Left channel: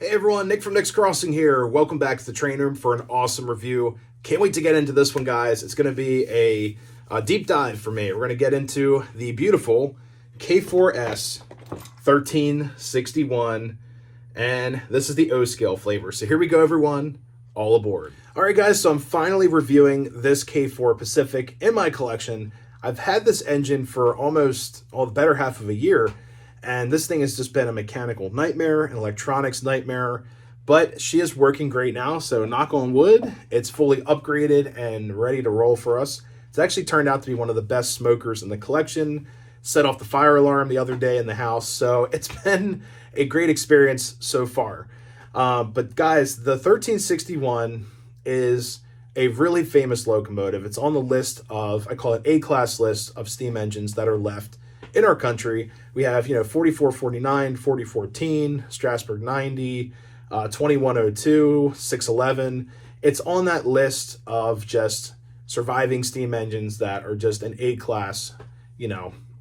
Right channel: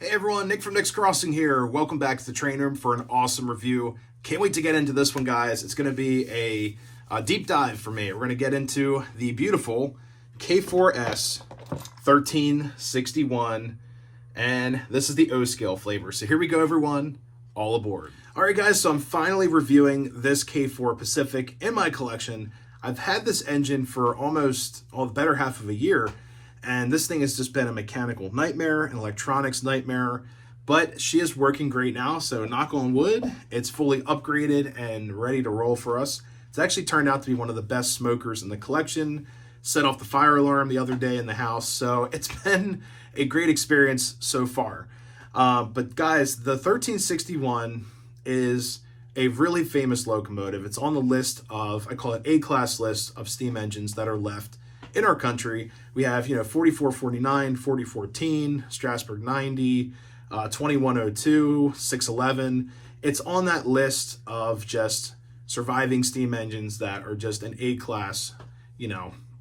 Hey everyone, Nick from Nick's Crossing here. Welcome back to the train room for an awesome review. Can't wait to get into this one, guys. It's going to be a deep dive for me. We're going to get into the beautiful K4s 1361, and this is the O scale flavor. So here we go, everyone. All aboard. All right, guys, so I'm finally reviewing this K4 Pacific in my collection. I've had this engine for almost the better half of a year, and this thing has just been a mechanical nightmare, an electronics nightmare, but she is working great now, so knock on wood, it's fully upgraded and ready to roll for us. It's actually turned out to be one of the best smokers in the collection, set off the fire alarm the other day in the house, so it's been a great experience so far. But guys, the 1361 is a really famous locomotive. It's on the list of, I call it A-class list of steam engines that are left in our country. We have, 4449, 4014, Strasburg 90, 2102, 611. It's on that list of just surviving steam engines that are just an A-class,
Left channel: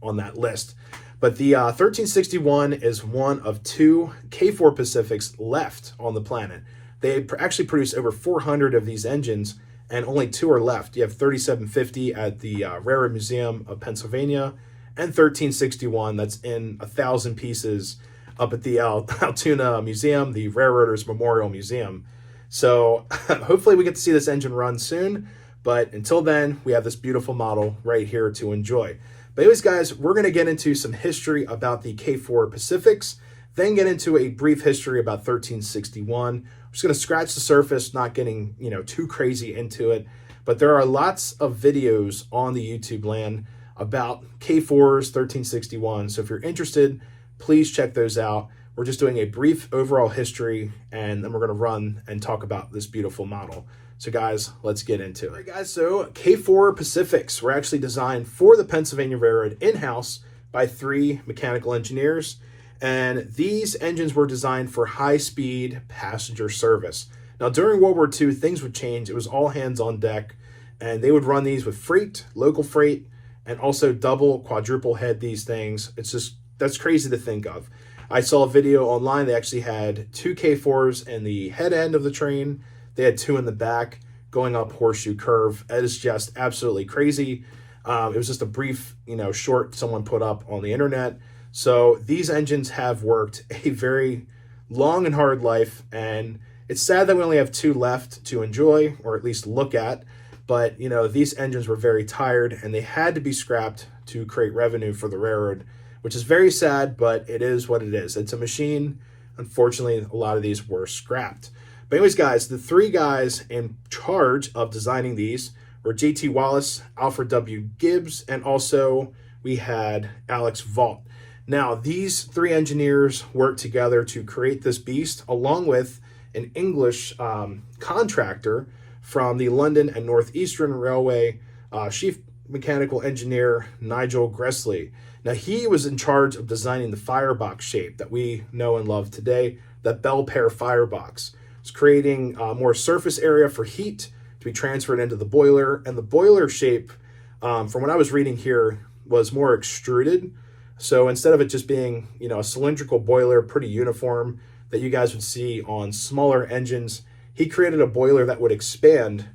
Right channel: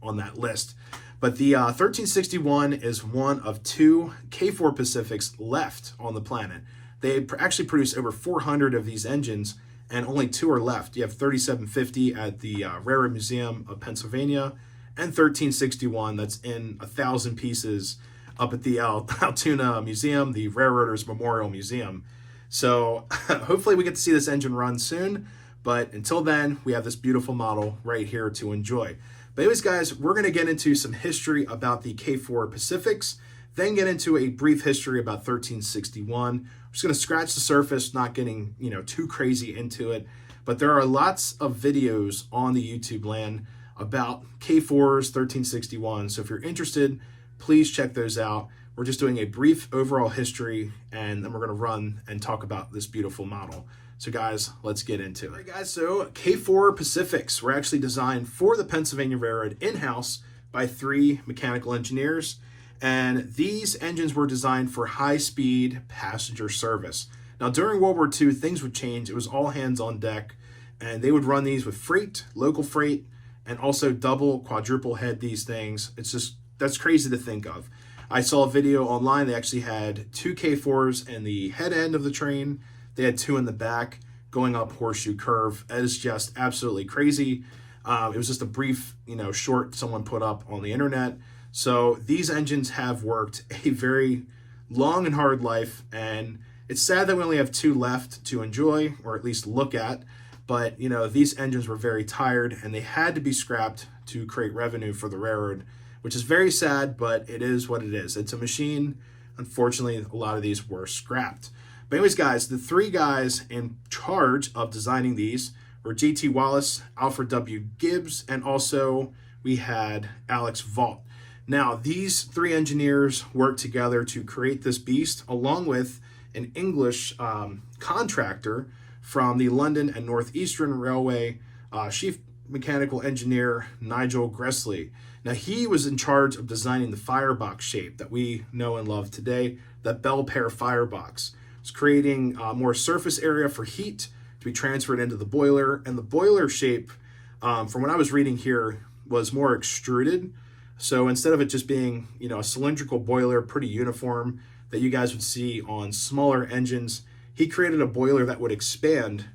on that list. But the 1361 is one of two K4 Pacifics left on the planet. They actually produce over 400 of these engines, and only two are left. You have 3750 at the Railroad Museum of Pennsylvania, and 1361 that's in 1,000 pieces up at the Altoona Museum, the Railroaders Memorial Museum. So hopefully we get to see this engine run soon, but until then, we have this beautiful model right here to enjoy. But anyways, guys, we're going to get into some history about the K4 Pacifics, then get into a brief history about 1361. I'm just going to scratch the surface, not getting, too crazy into it, but there are lots of videos on the YouTube land about K4s, 1361. So if you're interested, please check those out. We're just doing a brief overall history, and then we're going to run and talk about this beautiful model. So guys, let's get into it. All right, guys, so K4 Pacifics were actually designed for the Pennsylvania Railroad in-house by 3 mechanical engineers, and these engines were designed for high-speed passenger service. Now, during World War II, things would change. It was all hands on deck, and they would run these with freight, local freight, and also double, quadruple head these things. That's crazy to think of. I saw a video online. They actually had 2 K4s in the head end of the train. They had 2 in the back going up Horseshoe Curve. It is just absolutely crazy. It was just a brief, short someone put up on the internet. So these engines have worked a very long and hard life, and it's sad that we only have 2 left to enjoy, or at least look at. But, these engines were very tired, and they had to be scrapped to create revenue for the railroad, which is very sad, but it is what it is. It's a machine. Unfortunately, a lot of these were scrapped. But anyways, guys, the 3 guys in charge of designing these were J.T. Wallace, Alfred W. Gibbs, and also we had Alex Vaught. Now, these 3 engineers worked together to create this beast, along with an English contractor from the London and Northeastern Railway, chief mechanical engineer Nigel Gresley. Now, he was in charge of designing the firebox shape that we know and love today, the bell pair firebox. It's creating more surface area for heat to be transferred into the boiler, and the boiler shape, from what I was reading here, was more extruded. So instead of it just being, a cylindrical boiler, pretty uniform, that you guys would see on smaller engines, he created a boiler that would expand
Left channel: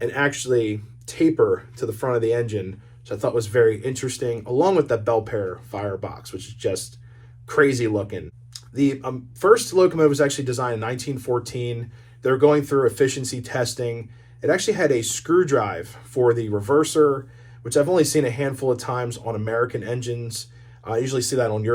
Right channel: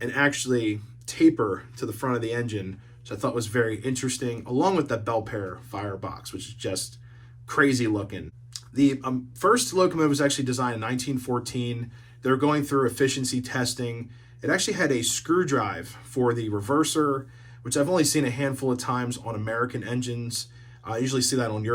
and actually taper to the front of the engine, which I thought was very interesting, along with that bell pair firebox, which is just crazy looking. The first locomotive was actually designed in 1914. They were going through efficiency testing. It actually had a screw drive for the reverser, which I've only seen a handful of times on American engines. I usually see that on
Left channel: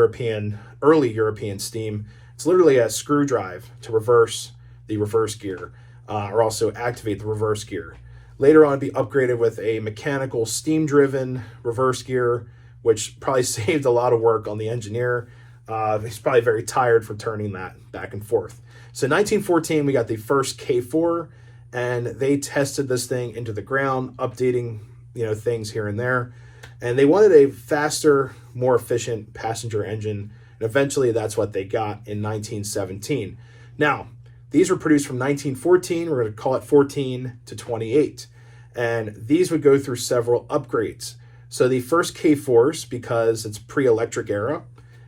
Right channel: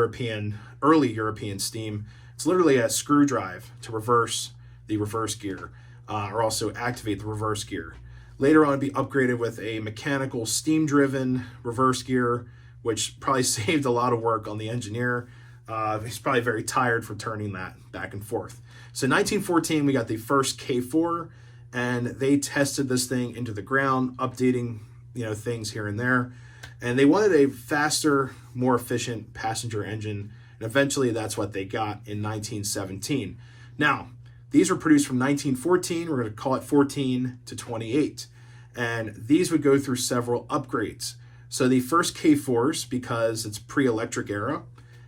early European steam. It's literally a screw drive to reverse the reverse gear, or also activate the reverse gear. Later on, it'd be upgraded with a mechanical steam-driven reverse gear, which probably saved a lot of work on the engineer. He's probably very tired for turning that back and forth. So in 1914, we got the first K4, and they tested this thing into the ground, updating things here and there. And they wanted a faster, more efficient passenger engine, and eventually that's what they got in 1917. Now, these were produced from 1914, we're going to call it 14 to 28. And these would go through several upgrades. So the first K4s, because it's pre-electric era,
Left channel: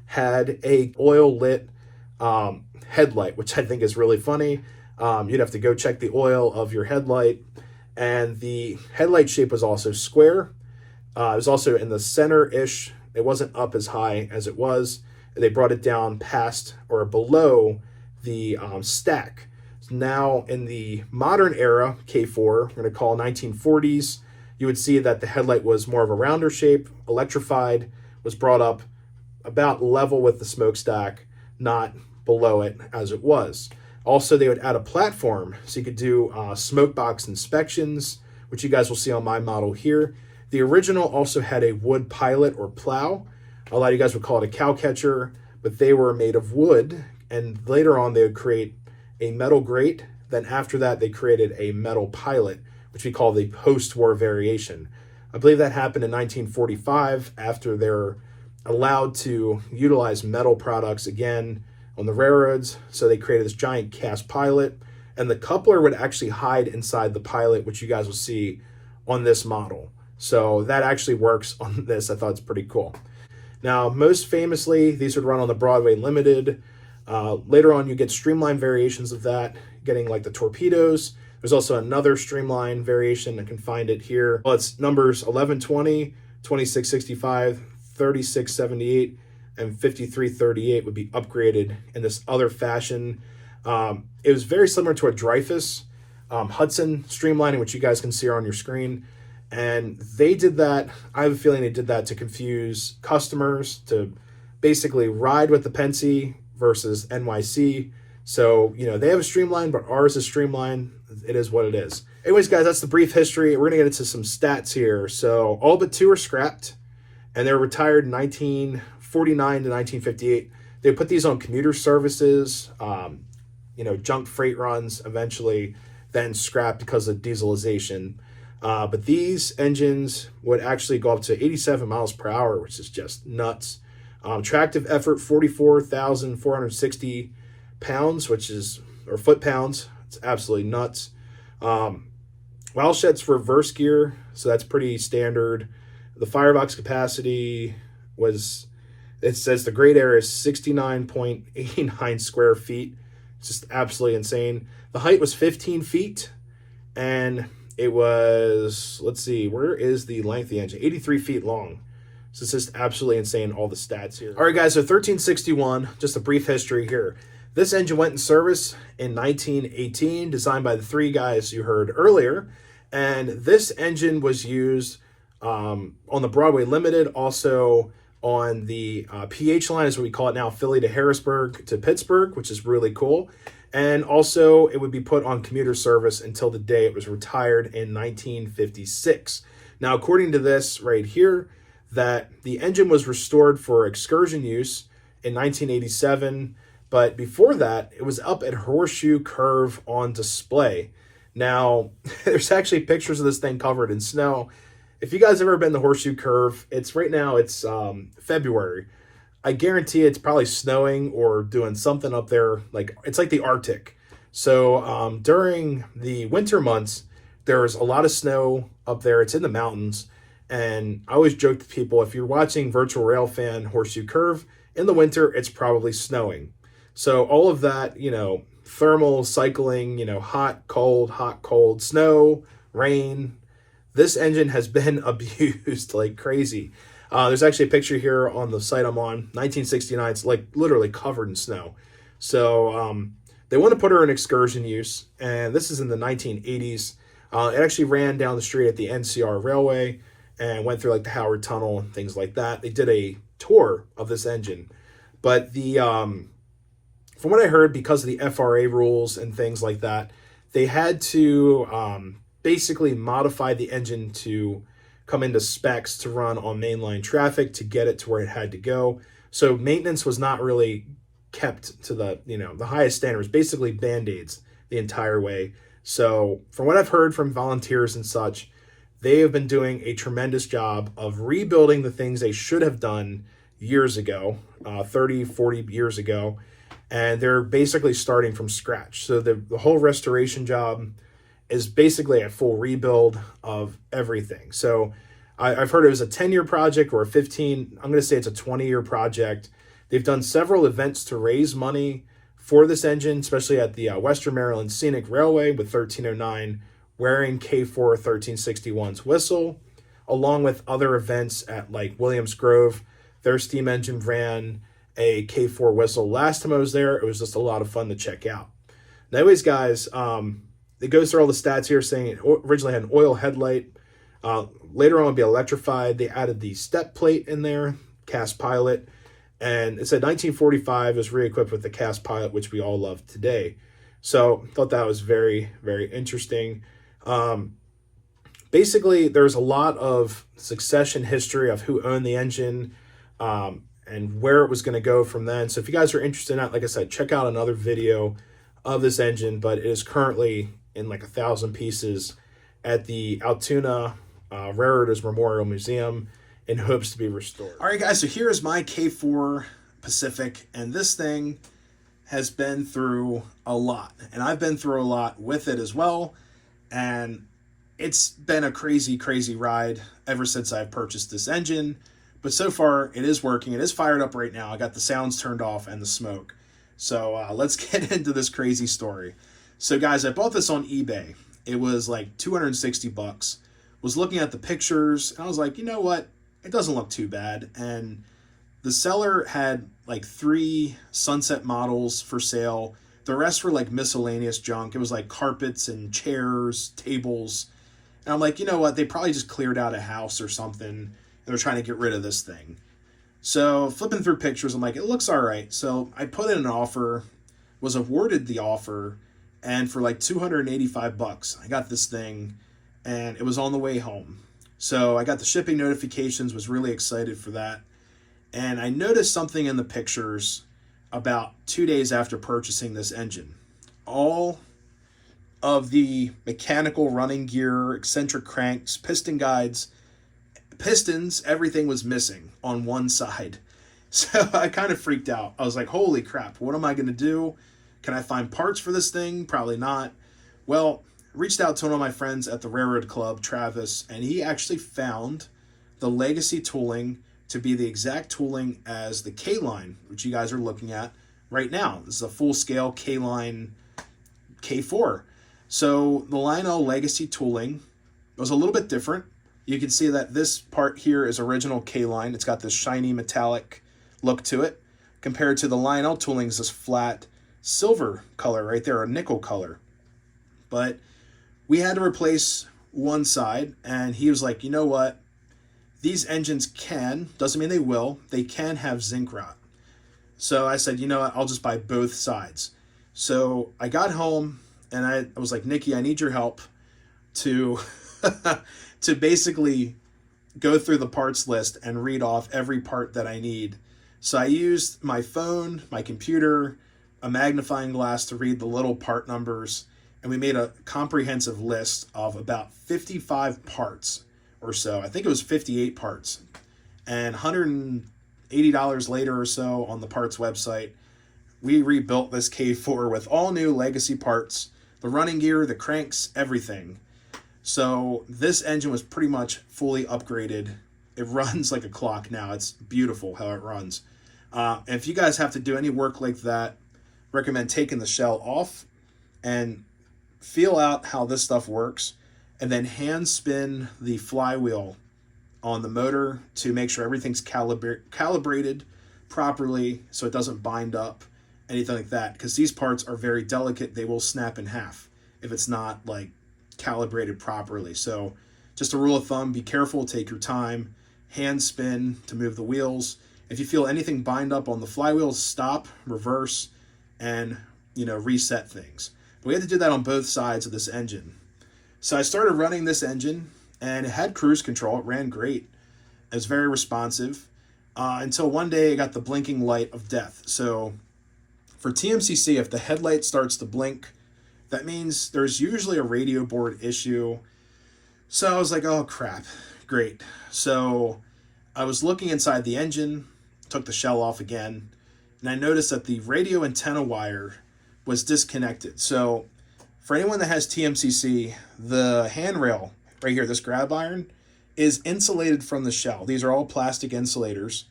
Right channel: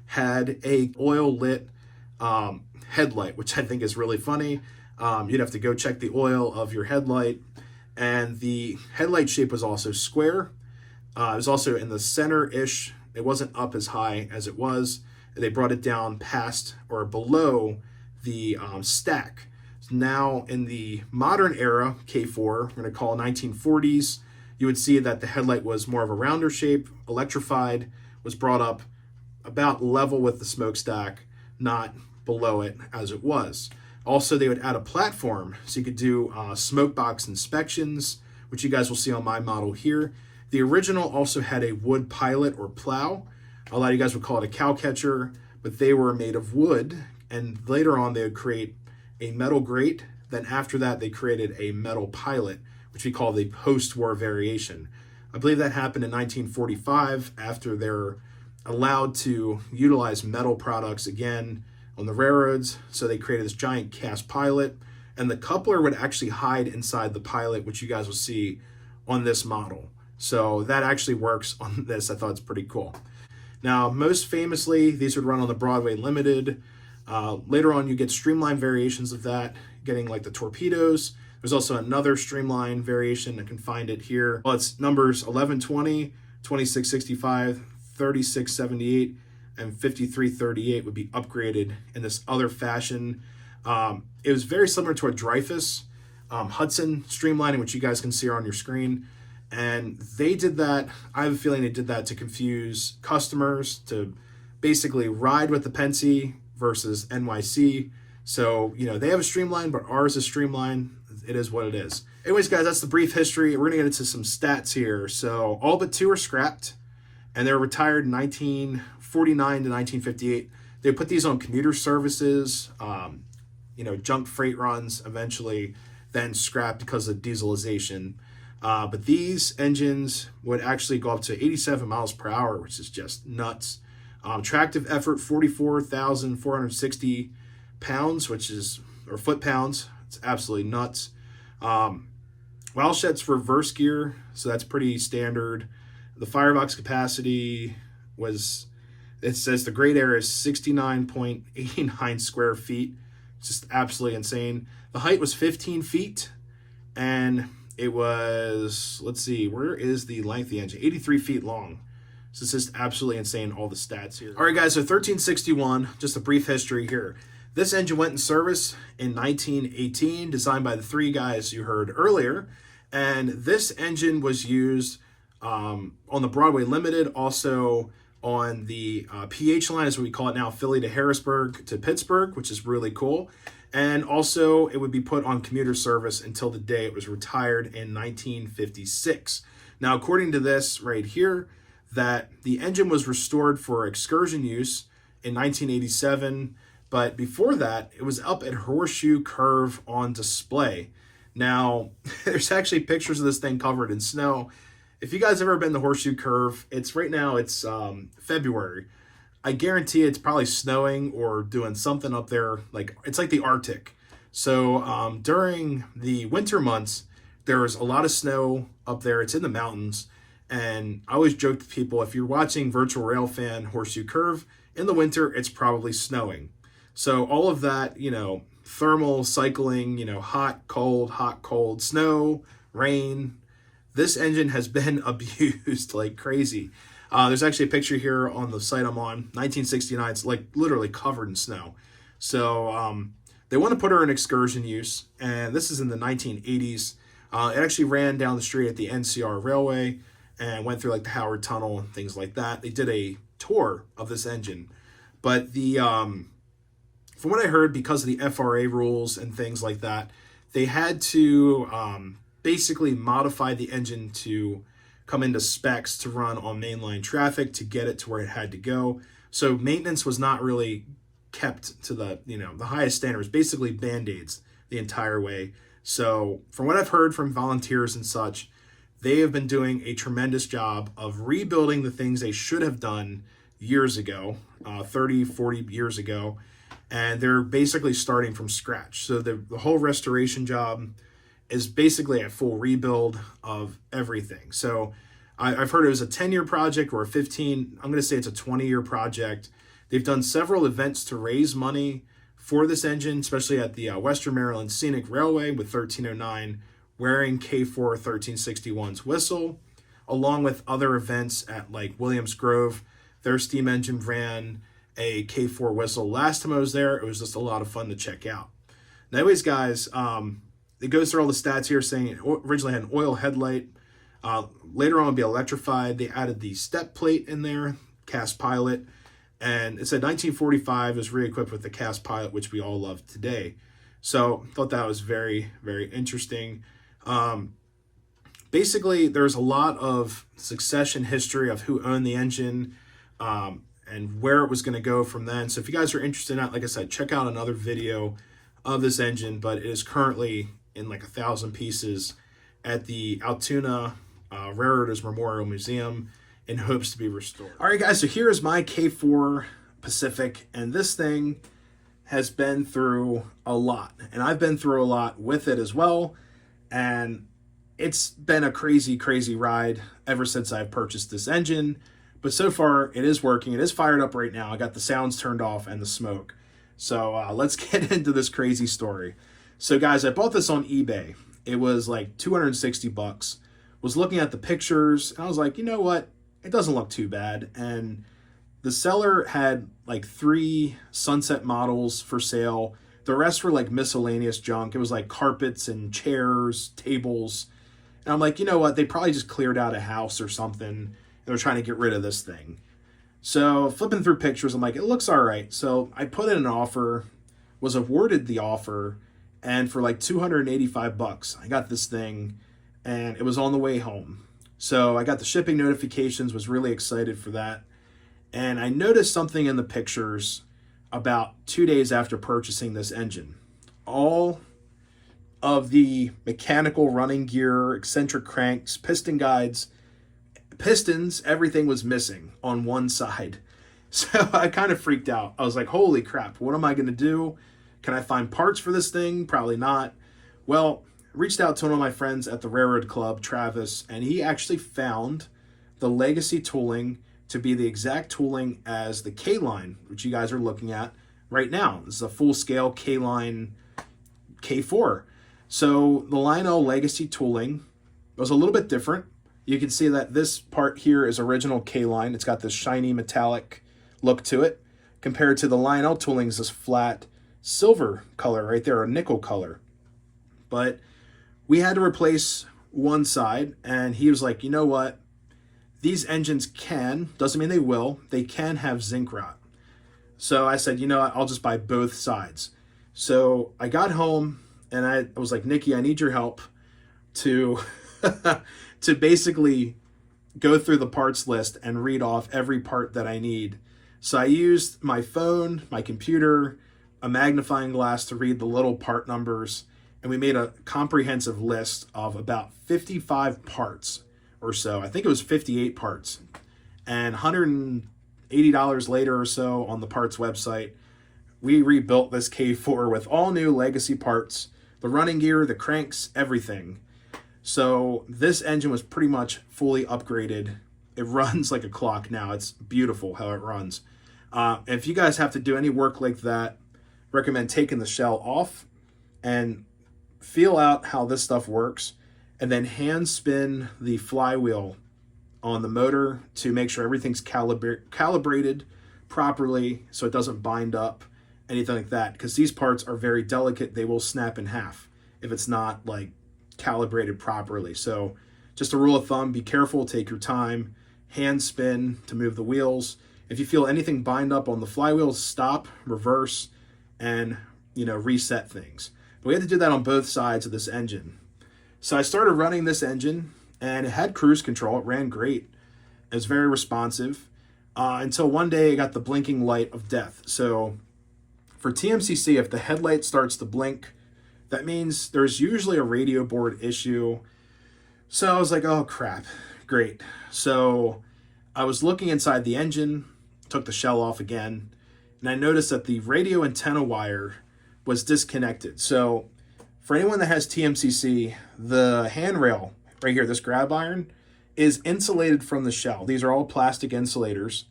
had a oil lit headlight, which I think is really funny. You'd have to go check the oil of your headlight. And the headlight shape was also square. It was also in the center-ish. It wasn't up as high as it was. They brought it down past or below the stack. So now in the modern era, K4, we're going to call 1940s, you would see that the headlight was more of a rounder shape, electrified, was brought up about level with the smokestack, not below it as it was. Also, they would add a platform so you could do smoke box inspections, which you guys will see on my model here. The original also had a wood pilot or plow. A lot of you guys would call it a cow catcher, but they were made of wood. And later on, they would create a metal grate. Then after that, they created a metal pilot, which we call the post-war variation. I believe that happened in 1945 after they're allowed to utilize metal products again on the railroads. So they created this giant cast pilot, and the coupler would actually hide inside the pilot, which you guys will see on this model. So that actually works on this. I thought it's pretty cool. Now, most famously, these would run on the Broadway Limited. Later on, you get streamlined variations of that, getting like the torpedoes. There's also another streamlined variation. I can find it here. Well, it's numbers 1120, 2665, 3678, and 5338 would be upgraded in this other fashion. It was very similar to a Dreyfuss Hudson streamlining, which you guys can see on your screen. And they did that, I have a feeling they did that to confuse customers, to basically ride with the Pennsy versus NYC. So, you know, they have a streamline, but ours is streamlined. It is what it is. Anyways, guys, that's the brief history. We're going to get into some stats here. So all but two are scrapped, and they were retired in 1949 to 1958. They put these on commuter services, you know, junk freight runs, eventually then scrapped because of dieselization. But these engines would actually go up to 87 miles per hour, which is just nuts. Tractive effort, 44,460 pounds, which is, or foot-pounds. It's absolutely nuts. Walshet's reverse gear, so that's pretty standard. The firebox capacity was, it says the great air is 69.89 square feet. It's just absolutely insane. The height was 15 feet, and it was, let's see, where is the length of the engine? 83 feet long. So it's just absolutely insane, all the stats here. All right, guys, so 1361, just a brief history here. This engine went in service in 1918, designed by the three guys you heard earlier. And this engine was used on the Broadway Limited, also on the PH line, as we call it now, Philly to Harrisburg to Pittsburgh, which is really cool. And also, it would be put on commuter service until the day it was retired in 1956. Now, according to this right here, that the engine was restored for excursion use in 1987, but before that, it was up at Horseshoe Curve on display. Now, there's actually pictures of this thing covered in snow. If you guys have ever been to Horseshoe Curve, it's right now, it's February. I guarantee it's probably snowing or doing something up there. Like, it's like the Arctic. So during the winter months, there's a lot of snow up there. It's in the mountains. And I always joke to people, if you're watching Virtual Rail Fan Horseshoe Curve, in the winter, it's probably snowing. So all of that, you know, thermal cycling, you know, hot, cold, snow, rain. This engine has been abused like crazy. There's actually a picture here on the site I'm on, 1969. It's like literally covered in snow. So they want to put her in excursion use, and this is in the 1980s. It actually ran down the street at the NCR Railway and went through like the Howard Tunnel and things like that. They did a tour of this engine, but the from what I heard, because of the FRA rules and things like that, they had to basically modify the engine to come into specs to run on mainline traffic to get it to where it had to go. So maintenance was not really kept to the, you know, the highest standards, basically Band-Aids the entire way. So from what I've heard from volunteers and such, they have been doing a tremendous job of rebuilding the things they should have done years ago, 30, 40 years ago. And they're basically starting from scratch. So the whole restoration job is basically a full rebuild of everything. So I've heard it was a 10-year project or a 15, I'm going to say it's a 20-year project. They've done several events to raise money for this engine, especially at the Western Maryland Scenic Railway with 1309 wearing K4 1361's whistle, along with other events at like Williams Grove. Their steam engine ran a K4 whistle last time I was there. It was just a lot of fun to check out. Now, anyways, guys, it goes through all the stats here, saying it originally had an oil headlight. Later on, it'd be electrified. They added the step plate in there, cast pilot, and it said 1945 was re-equipped with the cast pilot, which we all love today. So I thought that was very, very interesting. Basically, there's a lot of succession history of who owned the engine and where it was going to go from then. So if you guys are interested in that, like I said, check out another video of this engine, but it is currently in like 1,000 pieces at the Altoona Railroaders Memorial Museum in hopes to be restored. All right, guys, so here is my K4 Pacific, and this thing has been through a lot, and I've been through a lot with it as well, and it's been a crazy, crazy ride ever since I've purchased this engine, but so far it is working. It is fired up right now. I got the sounds turned off and the smoke. So let's get into this crazy story. So guys, I bought this on eBay. It was like 260 bucks. Was looking at the pictures and I was like, you know what? It doesn't look too bad. And the seller had like 3 Sunset models for sale. The rest were like miscellaneous junk. It was like carpets and chairs, tables. And I'm like, you know what? They probably just cleared out a house or something. They're trying to get rid of this thing. So flipping through pictures, I'm like, it looks all right. So I put in an offer, was awarded the offer, and for like 285 bucks, I got this thing, and it was on the way home. So I got the shipping notifications, was really excited for that. And I noticed something in the pictures about 2 days after purchasing this engine. All of the mechanical running gear, eccentric cranks, piston guides, pistons, everything was missing on one side. So I kind of freaked out. I was like, holy crap, what am I going to do? Can I find parts for this thing? Probably not. Well, reached out to one of my friends at the Railroad Club, Travis, and he actually found the legacy tooling to be the exact tooling as the K-line, which you guys are looking at right now. This is a full-scale K-line K4. So the Lionel legacy tooling was a little bit different. You can see that this part here is original K-line. It's got this shiny metallic look to it, compared to the Lionel tooling's this flat silver color right there, a nickel color. But we had to replace one side, and he was like, you know what? These engines can, doesn't mean they will, they can have zinc rot. So I said, you know what? I'll just buy both sides. So I got home, and I was like, Nikki, I need your help to to basically go through the parts list and read off every part that I need. So I used my phone, my computer, a magnifying glass to read the little part numbers, and we made a comprehensive list of about 55 parts or so. I think it was 58 parts. And $180 later or so on the parts website, we rebuilt this K4 with all new legacy parts, the running gear, the cranks, everything. So this engine was pretty much fully upgraded. It runs like a clock now. It's beautiful how it runs. If you guys have to do any work like that, recommend taking the shell off and feel out how this stuff works, and then hand spin the flywheel on the motor to make sure everything's calibrated properly so it doesn't bind up, anything like that, because these parts are very delicate. They will snap in half if it's not like calibrated properly. So just a rule of thumb, be careful, take your time, hand spin to move the wheels. If you feel anything bind up on the flywheel, stop, reverse, and reset things. But we had to do that on both sides of this engine. So I started running this engine, and it had cruise control. It ran great. It was very responsive until one day I got the blinking light of death. So for TMCC, if the headlight starts to blink, that means there's usually a radio board issue. So I was like, oh crap, great. So I was looking inside the engine, took the shell off again, and I noticed that the radio antenna wire was disconnected. So for anyone that has TMCC, the handrail right here, this grab iron, is insulated from the shell. These are all plastic insulators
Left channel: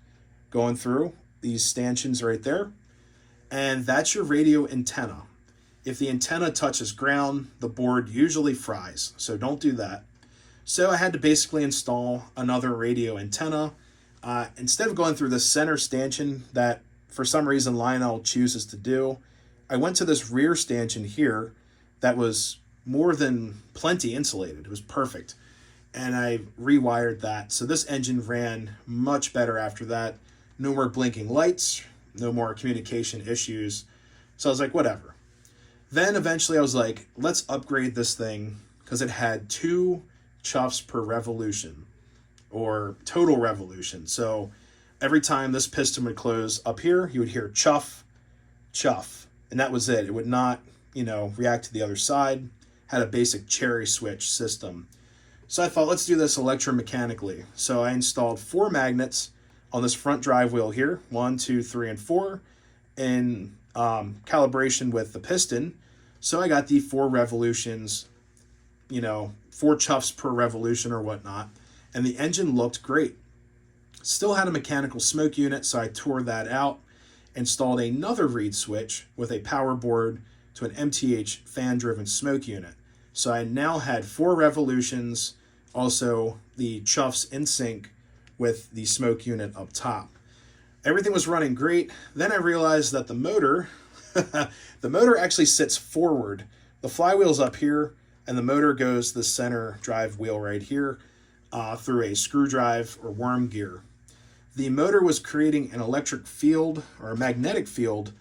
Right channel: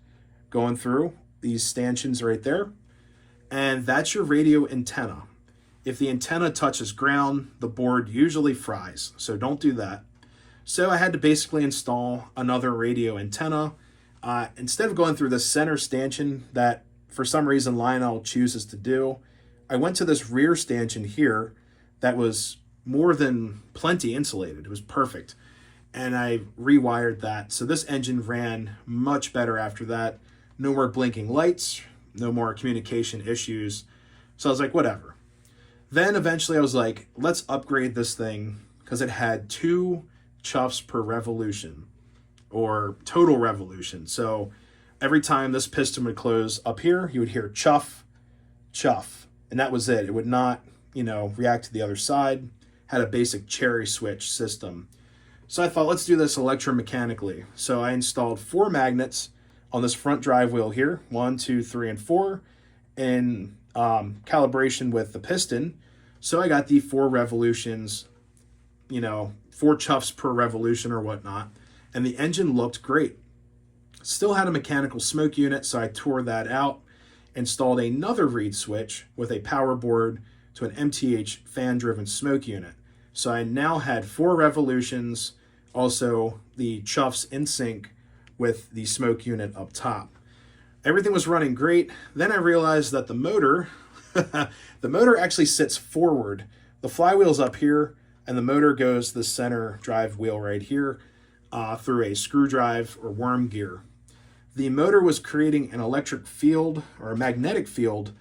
going through these stanchions right there. and that's your radio antenna. If the antenna touches ground, the board usually fries, so don't do that. So I had to basically install another radio antenna. Instead of going through the center stanchion that for some reason Lionel chooses to do, I went to this rear stanchion here that was more than plenty insulated. It was perfect. And I rewired that. So this engine ran much better after that. No more blinking lights, no more communication issues. So I was like, whatever. Then eventually I was like, let's upgrade this thing because it had 2 chuffs per revolution, or total revolution. So every time this piston would close up here, you would hear chuff, chuff, and that was it. It would not, react to the other side. Had a basic cherry switch system. So I thought, let's do this electromechanically. So I installed 4 magnets on this front drive wheel here, 1, 2, 3, and 4, in calibration with the piston. So I got the 4 revolutions, 4 chuffs per revolution or whatnot, and the engine looked great. Still had a mechanical smoke unit, so I tore that out, installed another reed switch with a power board to an MTH fan-driven smoke unit. So I now had 4 revolutions, also the chuffs in sync with the smoke unit up top. Everything was running great. Then I realized that the motor, the motor actually sits forward. The flywheel's up here, and the motor goes to the center drive wheel right here through a screw drive or worm gear. The motor was creating an electric field or a magnetic field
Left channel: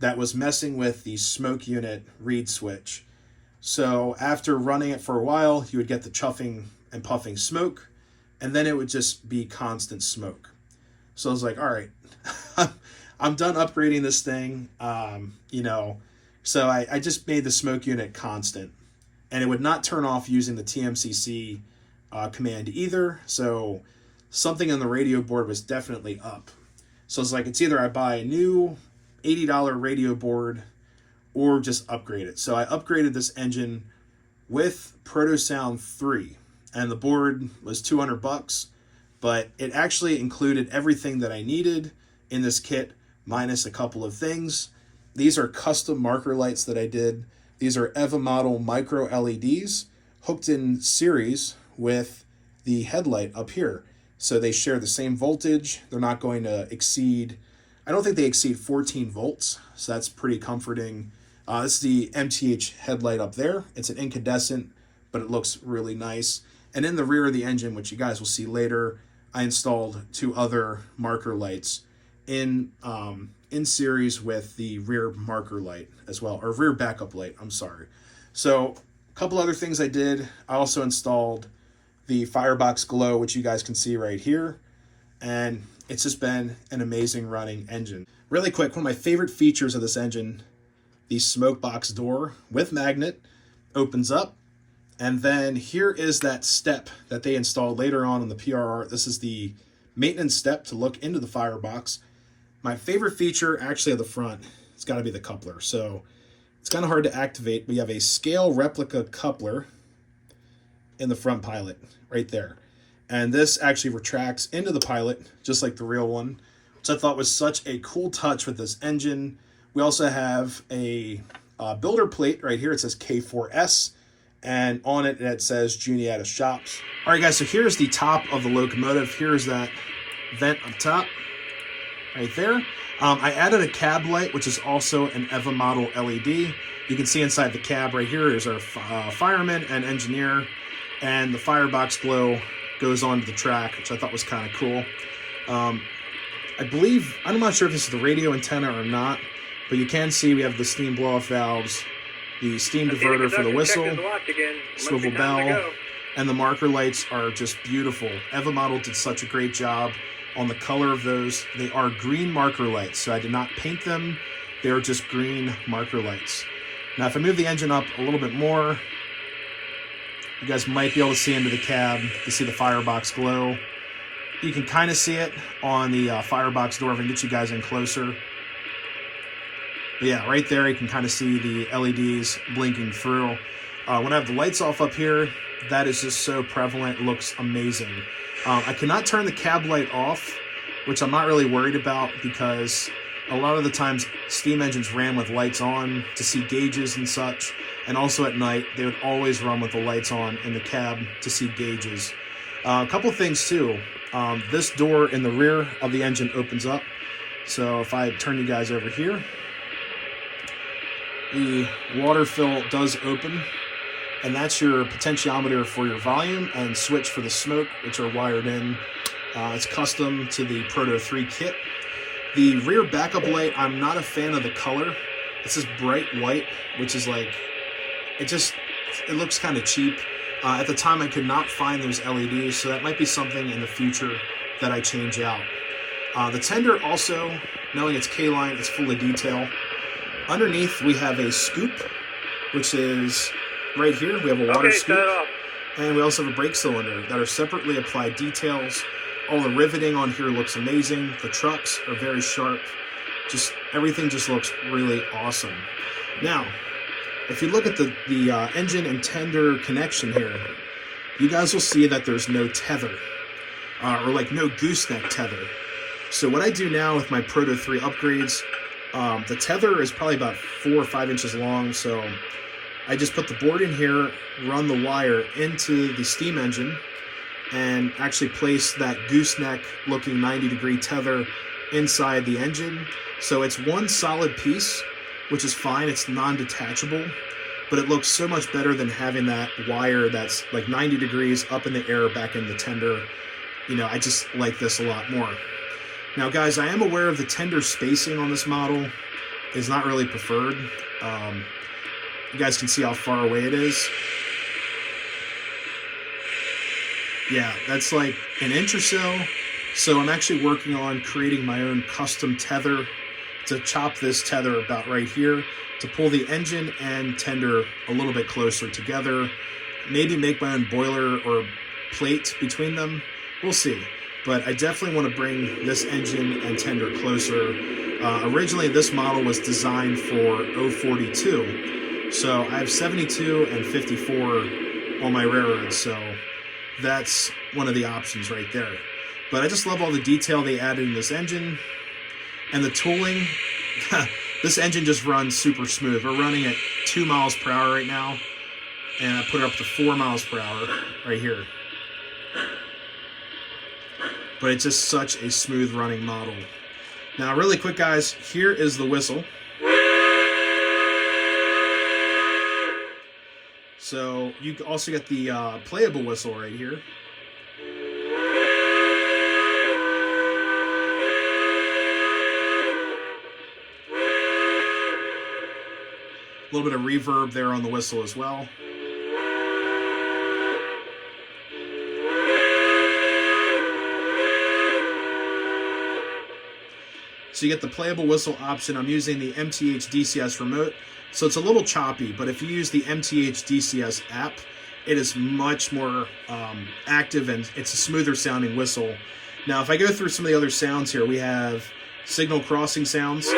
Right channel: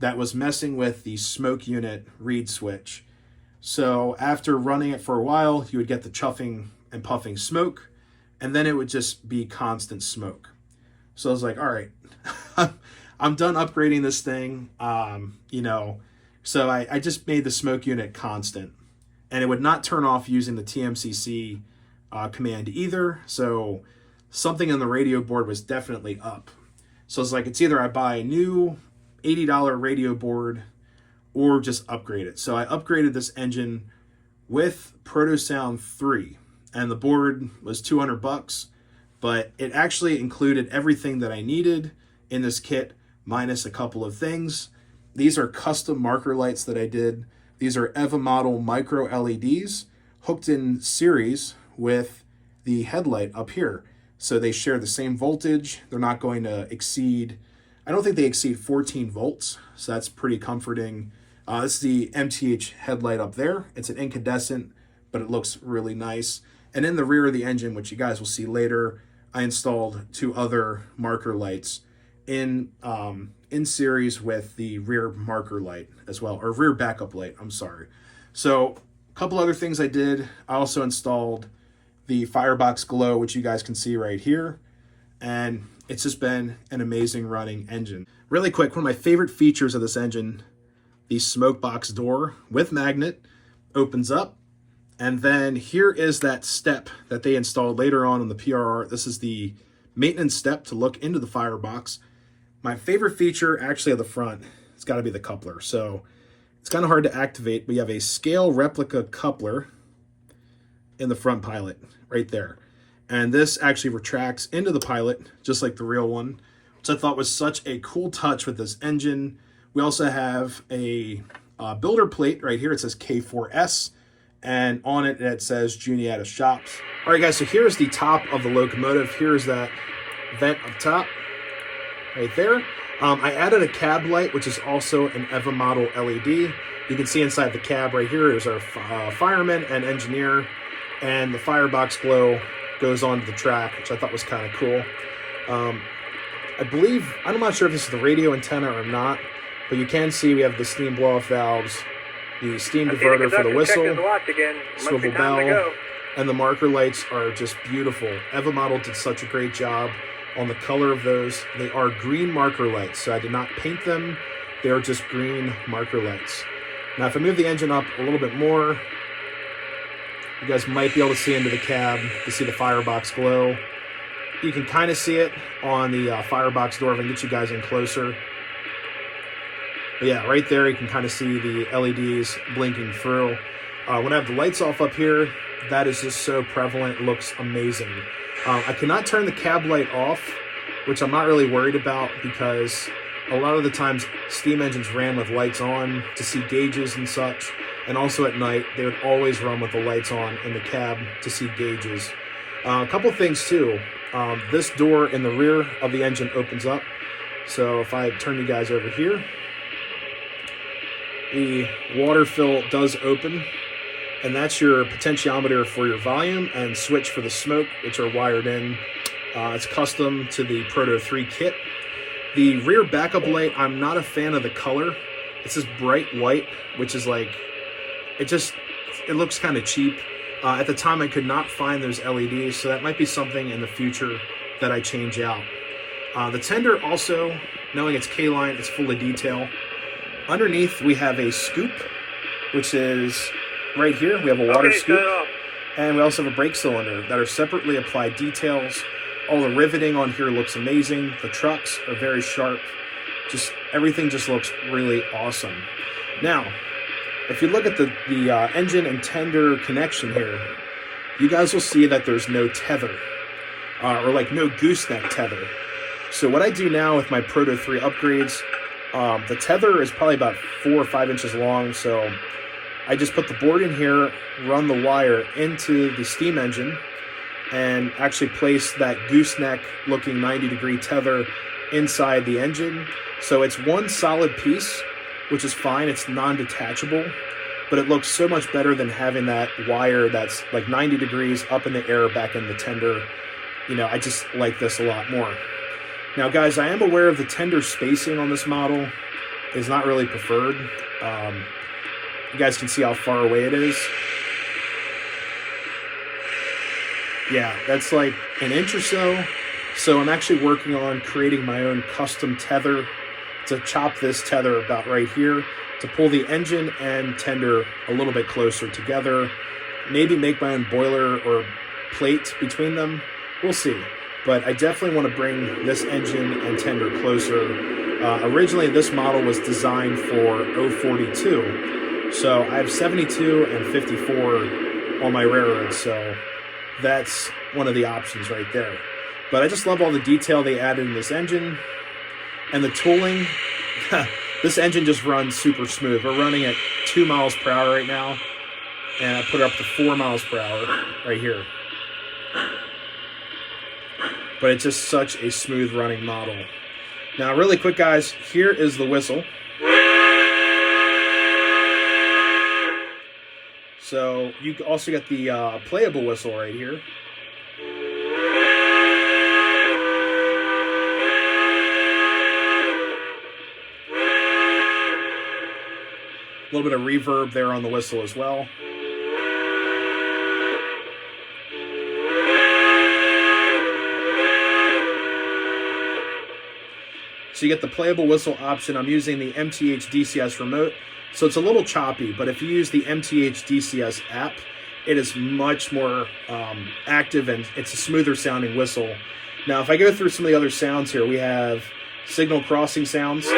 that was messing with the smoke unit reed switch. So after running it for a while, you would get the chuffing and puffing smoke, and then it would just be constant smoke. So I was like, all right, I'm done upgrading this thing, So I just made the smoke unit constant, and it would not turn off using the TMCC command either. So something on the radio board was definitely up. So it's like, it's either I buy a new $80 radio board or just upgrade it. So I upgraded this engine with ProtoSound 3, and the board was $200, but it actually included everything that I needed in this kit, minus a couple of things. These are custom marker lights that I did. These are EVA model micro LEDs hooked in series with the headlight up here. So they share the same voltage. They're not going to exceed, I don't think they exceed 14 volts. So that's pretty comforting. This is the MTH headlight up there. It's an incandescent, but it looks really nice. And in the rear of the engine, which you guys will see later, I installed 2 other marker lights in series with the rear marker light as well, or rear backup light, I'm sorry. So a couple other things I did. I also installed the Firebox Glow, which you guys can see right here. And it's just been an amazing running engine. Really quick, one of my favorite features of this engine, the smoke box door with magnet opens up. And then here is that step that they installed later on the PRR. This is the maintenance step to look into the firebox. My favorite feature actually at the front, it's got to be the coupler. So it's kind of hard to activate, but you have a scale replica coupler in the front pilot right there. And this actually retracts into the pilot just like the real one, which I thought was such a cool touch with this engine. We also have a builder plate right here. It says K4s, and on it, it says Juniata Shops. All right, guys, so here's the top of the locomotive. Here's that vent up top right there. I added a cab light, which is also an EVA model LED. You can see inside the cab right here is our fireman and engineer, and the Firebox Glow goes onto the track, which I thought was kind of cool. I believe, I'm not sure if this is the radio antenna or not, but you can see we have the steam blow-off valves, the steam diverter for the whistle, swivel bell, and the marker lights are just beautiful. EVA model did such a great job on the color of those. They are green marker lights, so I did not paint them. They are just green marker lights. Now, if I move the engine up a little bit more, you guys might be able to see into the cab to see the Firebox Glow. You can kind of see it on the firebox door if I can get you guys in closer. But yeah, right there you can kind of see the LEDs blinking through. When I have the lights off up here, that is just so prevalent. It looks amazing. I cannot turn the cab light off, which I'm not really worried about because A lot of the times, steam engines ran with lights on to see gauges and such, and also at night, they would always run with the lights on in the cab to see gauges. A couple things too. This door in the rear of the engine opens up. So if I turn you guys over here, the water fill does open, and that's your potentiometer for your volume and switch for the smoke, which are wired in. It's custom to the Proto 3 kit. The rear backup light, I'm not a fan of the color. It's this bright white, which is like, it looks kind of cheap. At the time, I could not find those LEDs, so that might be something in the future that I change out. The tender also, knowing it's K-line, it's full of detail. Underneath, we have a scoop, which is right here. We have a water scoop, and we also have a brake cylinder that are separately applied details. All the riveting on here looks amazing. The trucks are very sharp. Everything just looks really awesome. Now, if you look at the engine and tender connection here, you guys will see that there's no tether, or like no gooseneck tether. So what I do now with my Proto 3 upgrades, the tether is probably about 4 or 5 inches long, so I just put the board in here, run the wire into the steam engine, and actually place that gooseneck looking 90-degree tether inside the engine. So it's one solid piece, which is fine. It's non-detachable, but it looks so much better than having that wire that's like 90 degrees up in the air back in the tender. You know, I just like this a lot more. Now, guys, I am aware of the tender spacing on this model is not really preferred. You guys can see how far away it is. Yeah, that's like an inch or so. So I'm actually working on creating my own custom tether to chop this tether about right here to pull the engine and tender a little bit closer together. Maybe make my own boiler or plate between them. We'll see. But I definitely want to bring this engine and tender closer. Originally, this model was designed for 042. So I have 72 and 54 on my railroads. So that's one of the options right there. But I just love all the detail they added in this engine. And the tooling, this engine just runs super smooth. We're running at 2 miles per hour right now. And I put it up to 4 miles per hour right here. But it's just such a smooth running model. Now, really quick, guys, here is the whistle. So you also get the playable whistle right here. A little bit of reverb there on the whistle as well. So you get the playable whistle option. I'm using the MTH DCS remote, so it's a little choppy, but if you use the MTH DCS app, it is much more active and it's a smoother sounding whistle. Now, if I go through some of the other sounds here, we have signal crossing sounds. A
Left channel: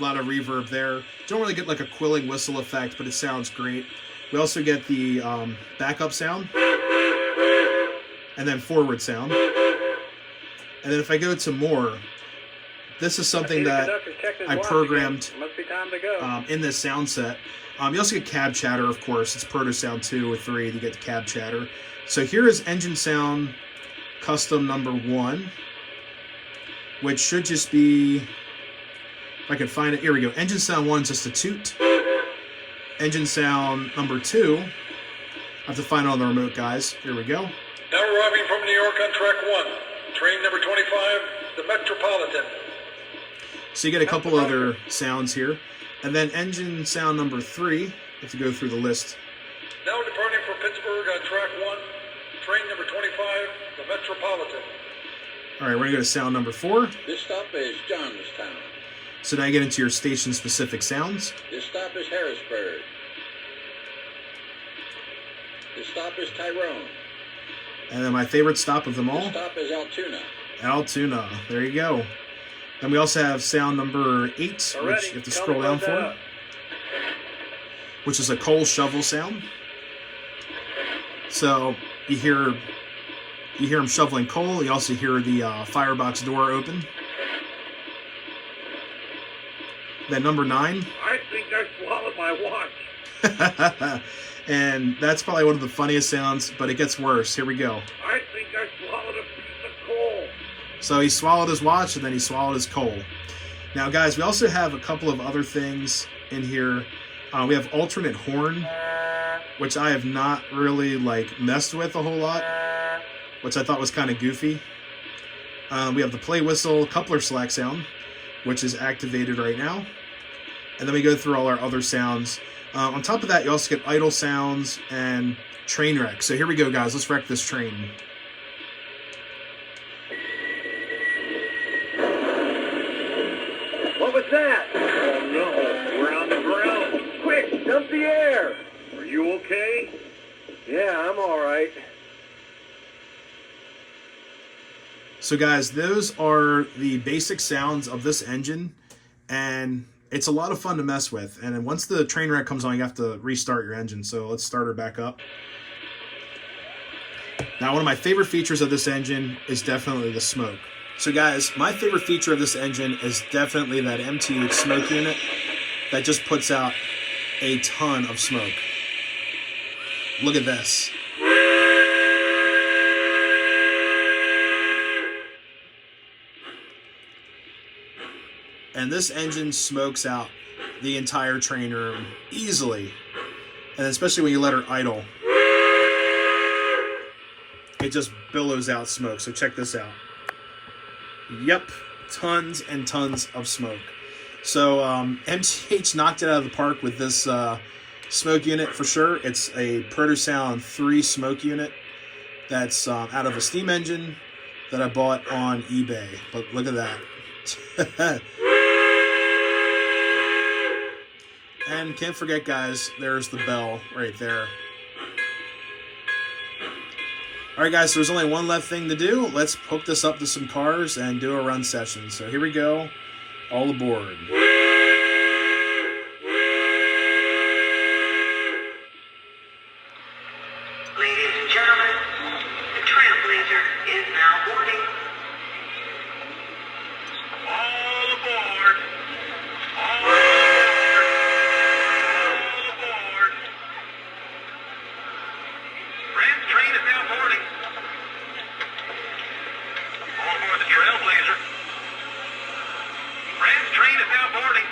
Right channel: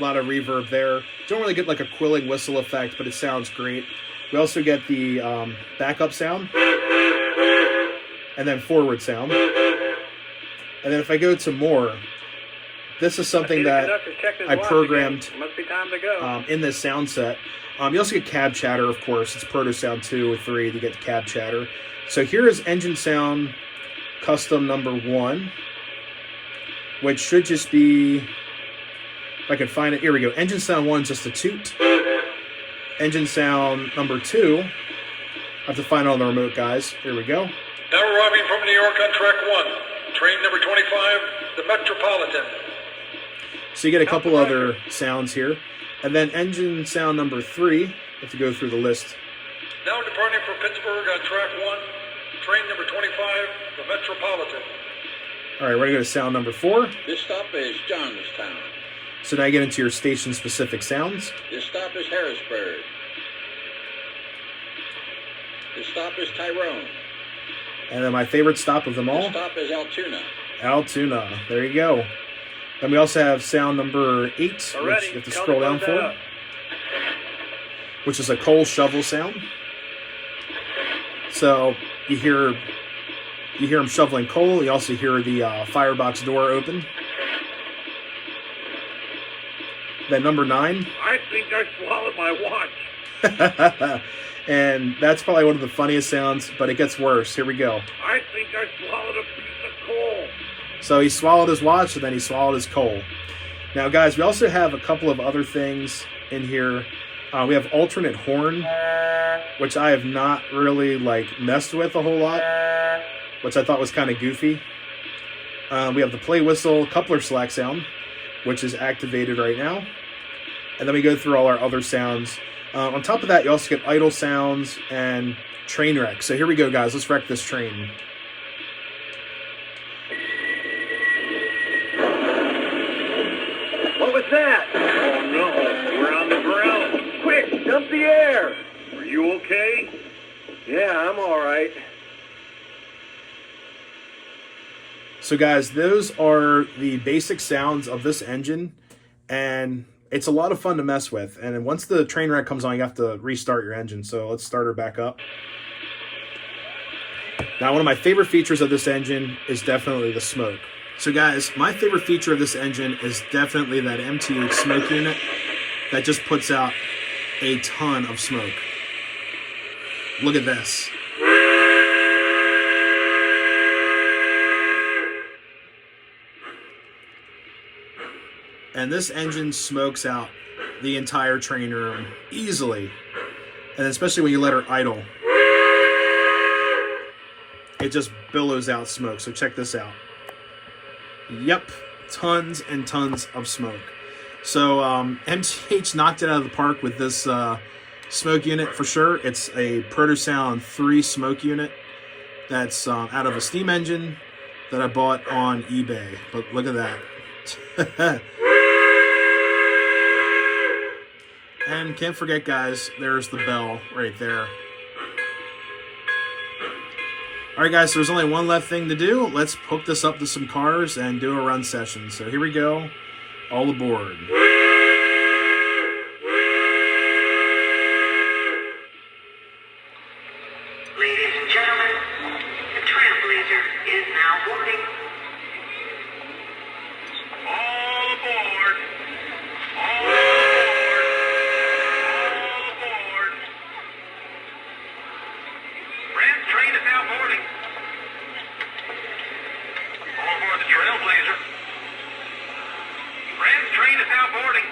lot of reverb there. Don't really get like a quilling whistle effect, but it sounds great. We also get the backup sound, and then forward sound. And then if I go to more, this is something that I programmed in this sound set. You also get cab chatter, of course. It's Proto Sound 2 or 3 to get the cab chatter. So here is engine sound custom number 1, which should just be, if I can find it, here we go. Engine sound 1 is just a toot. Engine sound number 2, I have to find it on the remote, guys. Here we go. Now arriving from New York on track 1, train number 25, the Metropolitan. So you get a couple other sounds here. And then engine sound number 3, you have to go through the list. Now departing from Pittsburgh on track 1, train number 25, the Metropolitan. All right, we're going to go to sound number 4. This stop is Johnstown. So now you get into your station-specific sounds. This stop is Harrisburg. This stop is Tyrone. And then my favorite stop of them all. This stop is Altoona. Altoona. There you go. Then we also have sound number 8, which you have to scroll down for, which is a coal shovel sound. So you hear him shoveling coal. You also hear the firebox door open. Then number 9. I think I swallowed my watch. And that's probably one of the funniest sounds, but it gets worse. Here we go. I think I swallowed a piece of coal. So he swallowed his watch, and then he swallowed his coal. Now, guys, we also have a couple of other things in here. We have alternate horn, which I have not really messed with a whole lot, which I thought was kind of goofy. We have the play whistle coupler slack sound, which is activated right now. And then we go through all our other sounds. On top of that, you also get idle sounds and train wreck. So here we go, guys. Let's wreck this train. What was that? Oh no, we're on the ground. Quick, dump the air. Are you okay? Yeah, I'm all right. So guys, those are the basic sounds of this engine, and it's a lot of fun to mess with. And then once the train wreck comes on, you have to restart your engine. So let's start her back up. Now, one of my favorite features of this engine is definitely the smoke. So guys, my favorite feature of this engine is definitely that MTH smoke unit that just puts out a ton of smoke. Look at this. And this engine smokes out the entire train room easily. And especially when you let her idle, it just billows out smoke. So check this out. Yep, tons and tons of smoke. So MTH knocked it out of the park with this smoke unit for sure. It's a Protosound 3 smoke unit that's out of a steam engine that I bought on eBay. But look at that. And can't forget, guys, there's the bell right there. All right, guys, so there's only one left thing to do. Let's hook this up to some cars and do a run session. So here we go. All aboard. Ladies and gentlemen, the Trailblazer is now boarding. All aboard. All aboard. All aboard. Ram train is now boarding. All aboard the Trailblazer. Ram train is now boarding.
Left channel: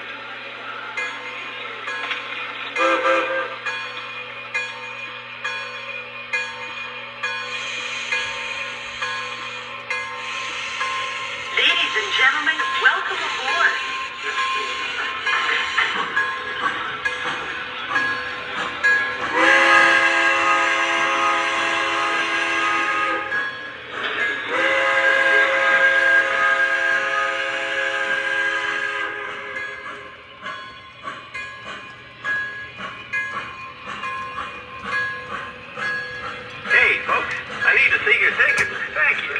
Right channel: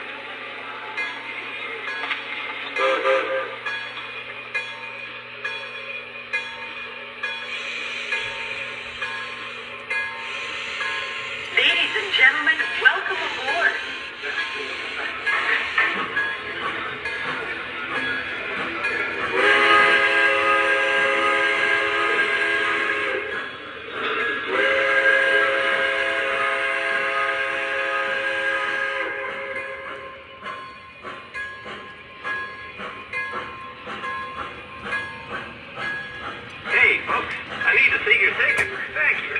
Ladies and gentlemen, welcome aboard. Hey, folks, I need to see your tickets. Thank you.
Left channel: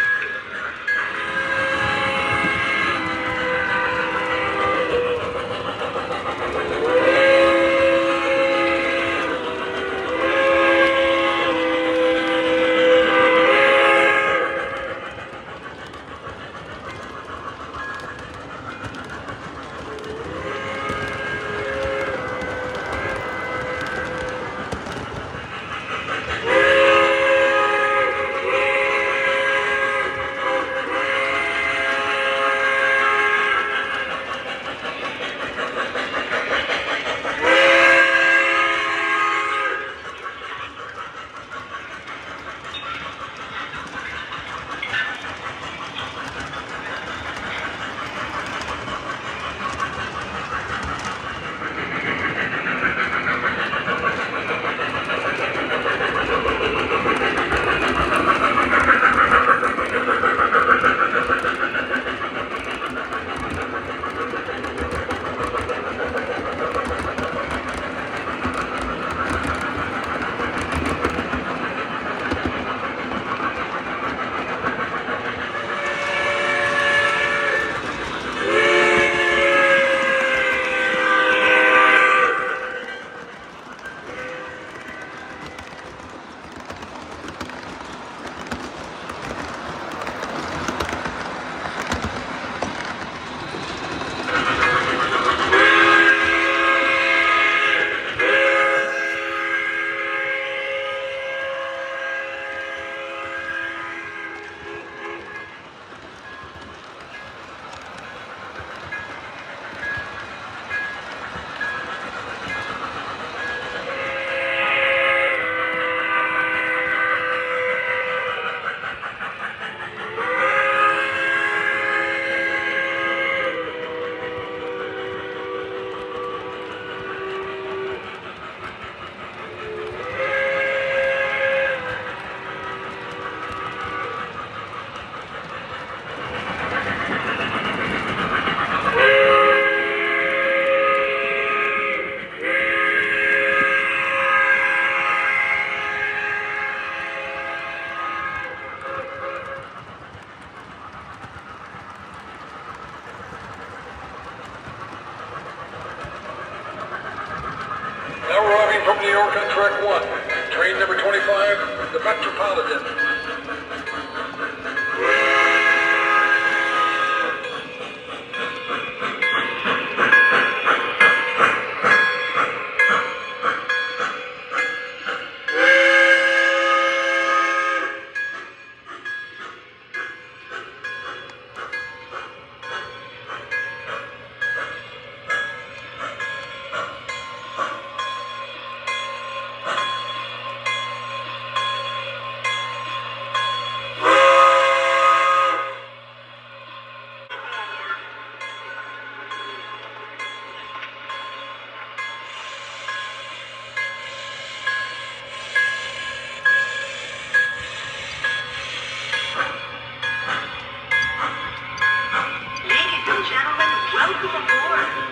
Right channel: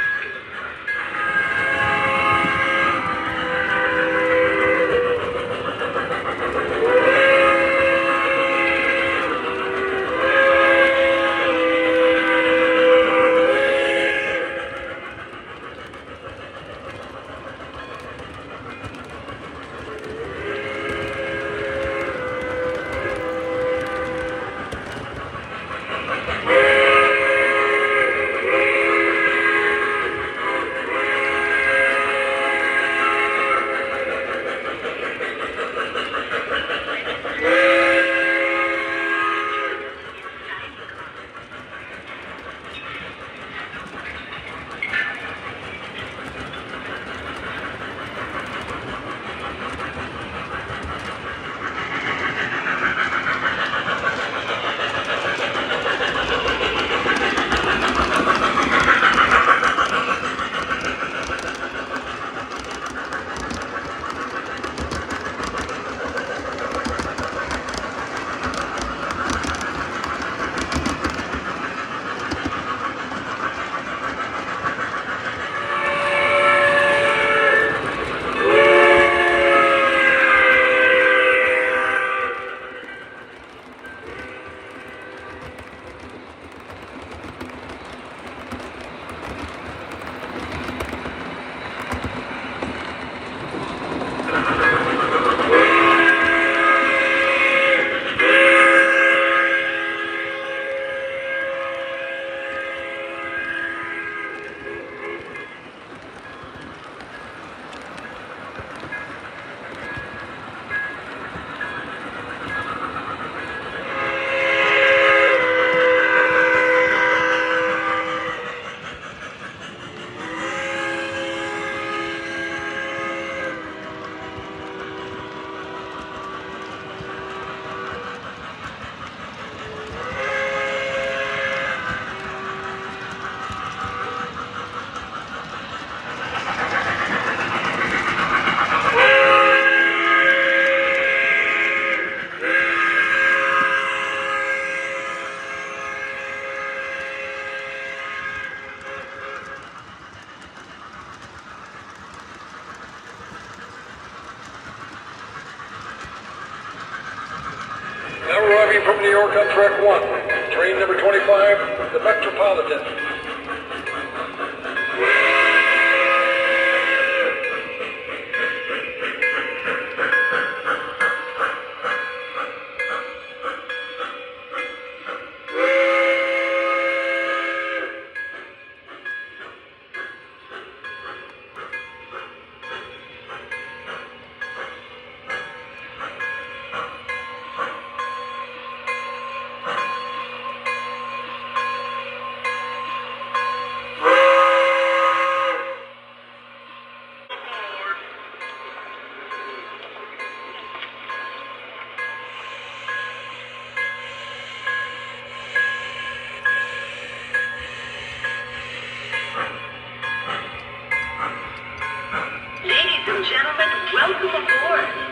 from New York on track 1. Train number 25, the Metropolitan. Ladies and gentlemen, welcome aboard.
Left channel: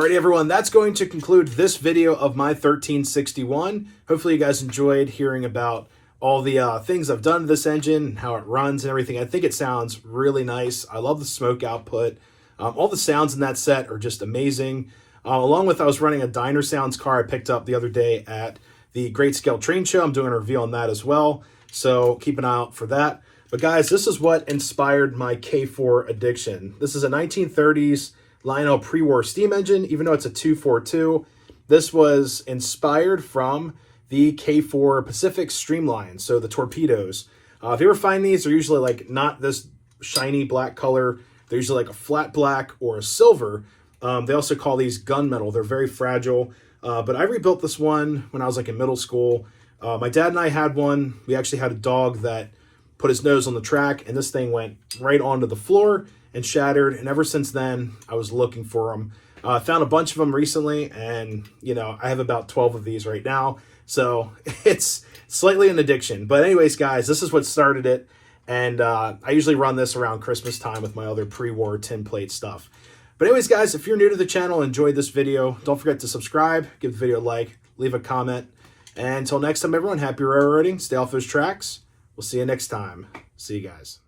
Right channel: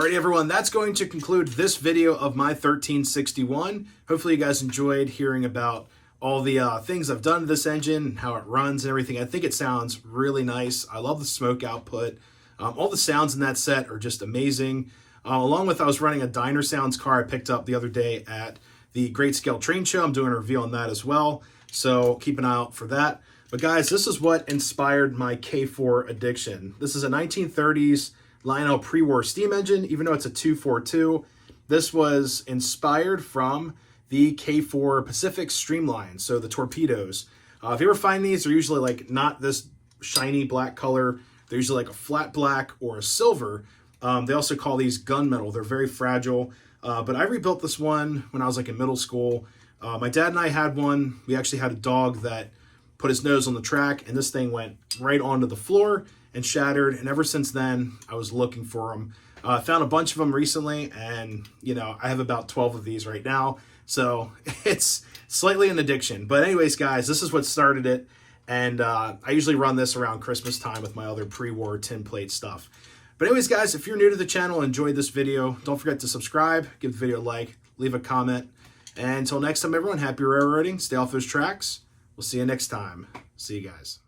Alrighty, everyone, that's going to conclude this video of my 1361. Hopefully you guys enjoyed hearing about all the things I've done to this engine and how it runs and everything. I think it sounds really nice. I love the smoke output. All the sounds in that set are just amazing. Along with, I was running a Diner Sounds car I picked up the other day at the Great Scale Train Show. I'm doing a review on that as well, so keep an eye out for that. But guys, this is what inspired my K4 addiction. This is a 1930s Lionel pre-war steam engine, even though it's a 242. This was inspired from the K4 Pacific Streamline, so the torpedoes. If you ever find these, they're usually like not this shiny black color. They're usually like a flat black or a silver. They also call these gunmetal. They're very fragile. But I rebuilt this one when I was like in middle school. My dad and I had one. We actually had a dog that put his nose on the track, and this thing went right onto the floor and shattered. And ever since then, I was looking for them. I found a bunch of them recently, and you know, I have about 12 of these right now. So it's slightly an addiction. But anyways, guys, this is what started it. And I usually run this around Christmas time with my other pre-war tin plate stuff. But anyways, guys, if you're new to the channel and enjoyed this video, don't forget to subscribe, give the video a like, leave a comment. And until next time, everyone, happy railroading. Stay off those tracks. We'll see you next time. See you guys.